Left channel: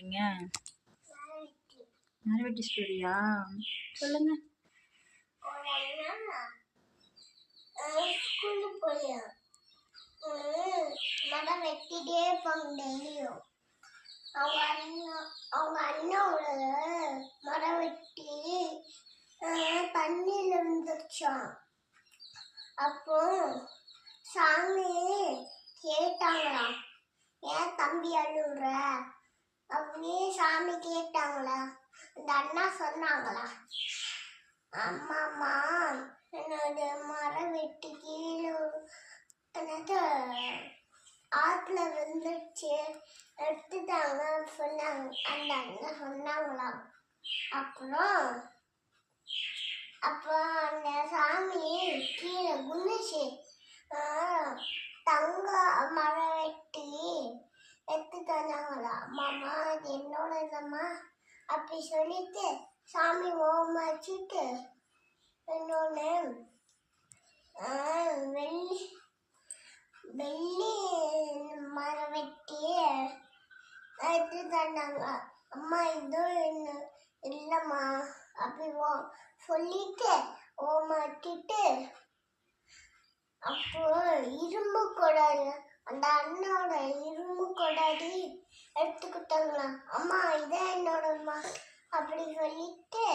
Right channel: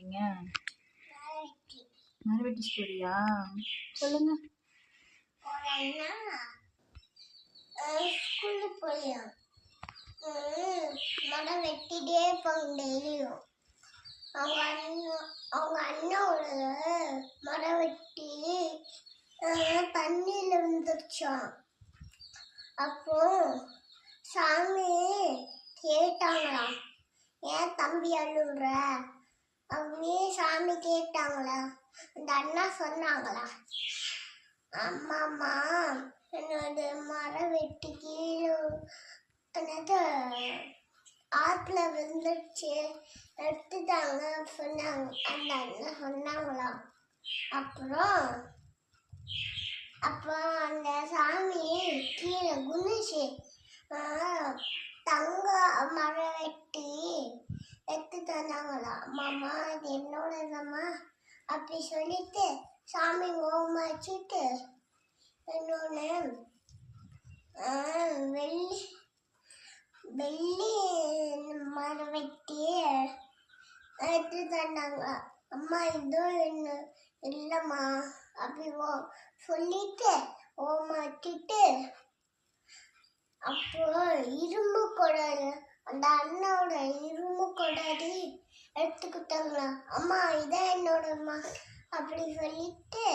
சொல்றீங்க? மரவெட்டி ஸ்டோரியா? சொல்லுங்க. ஸ்கூலுக்கு போயா மரம் வெட்டிட்டே இருப்பாங்க டெய்லியும். அவங்க அண்ணாவோட மரம் வெட்டி தண்ணியில் விழுந்துருச்சான். அப்போ சாமி கேட்டாங்களாம், ஏன் தம்பி அழுகுற அப்படியே சாமி கேட்டாங்களா. அந்த அண்ணா சொன்னாங்களா, அம்மாம்மா என்னோட மரம் வெட்டி கீழே ஆற்றுல விழுந்துருச்சு எடுத்துட்டாங்க சொன்னாங்க. அந்த அண்ணா சொன்னாங்களாம். அப்புறம் அந்த சாமி கீழே குனிச்சு தங்க மரம் வெட்டி எடுத்து தந்தாங்களா. அம்மாம்மா அது என்னோடதம்மா அப்படி சொல்லிட்டு சாமி ஓம் வச்சுட்டு இன்னொன்று வெள்ளி மரம் வெட்டி எடுத்து தந்தாங்க. அம்மா இதுவும் இல்லைம்மா அப்படி சொல்லிட்டு ஓம் வச்சுட்டு அப்போ இரும்பு கொடாது, அந்த அண்ணாவோட இரும்பு கொடாதி எடுத்துக்கிட்டாங்களா. அம்மா இதான் என்னோடம்மா அப்படி சொல்லிட்டு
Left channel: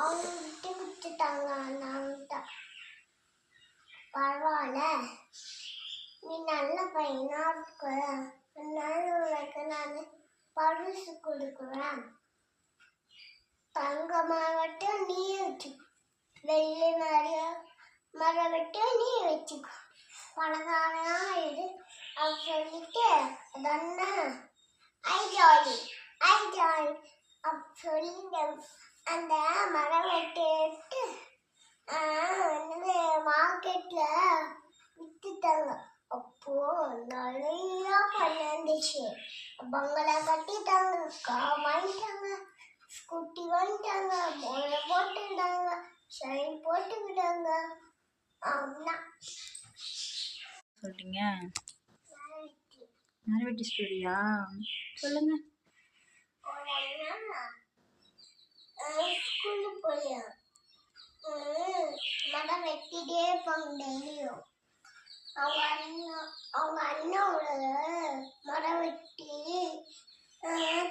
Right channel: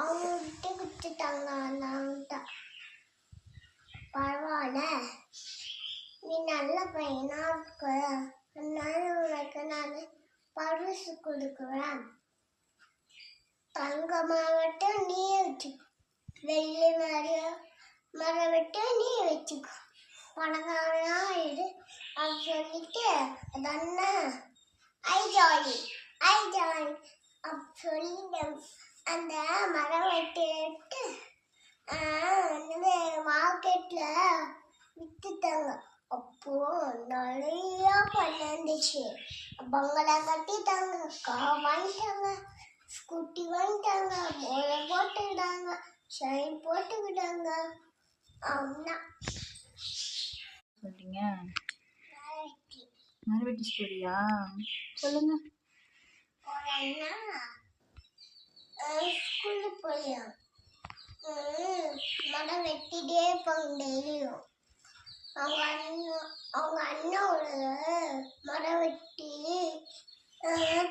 அவங்க விட்டு கொடுத்துட்டாங்க. அண்ணாவிட்ட பரவாயில்ல, நீ நல்ல பையனா இருக்க, அதனால உனக்கு நான் பரிசு கொடுக்குறேன். தங்க மரம் நீ வச்சு, வெள்ளி மரம் வெட்ட நீ வச்சுக்கோ, பணக்காரனா இது அப்படி சொல்லிட்டு அதன்னா ஐ ஜாலி அப்படி சொல்லிட்டு அந்த மரம் வெட்டி எடுத்து மார்க்கெட்டில் விற்றுட்டாங்க. அப்போ நிறையா பணம் இருந்துச்சு. பங்களா கட்டிட்டாங்க, கார் வாங்கிட்டாங்க, ஸ்கூட்டி வாங்கிட்டாங்க, மோளை போட்டுக்கிட்டாங்க, ஷைன் போட்டுக்கிட்டாங்க. சொல்றீங்க? மரவெட்டி ஸ்டோரியா? சொல்லுங்க. ஸ்கூலுக்கு போயா மரம் வெட்டிட்டே இருப்பாங்க டெய்லியும். அவங்க அண்ணாவோட மரம் வெட்டி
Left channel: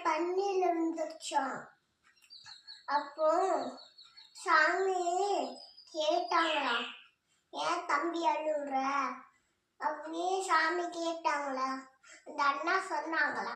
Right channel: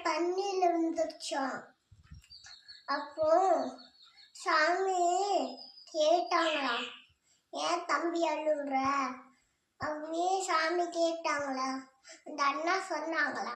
தண்ணியில் விழுந்துருச்சான். அப்போ சாமி கேட்டாங்களாம், ஏன் தம்பி அழுகுற அப்படியே சாமி கேட்டாங்களா. அந்த அண்ணா சொன்னாங்களா,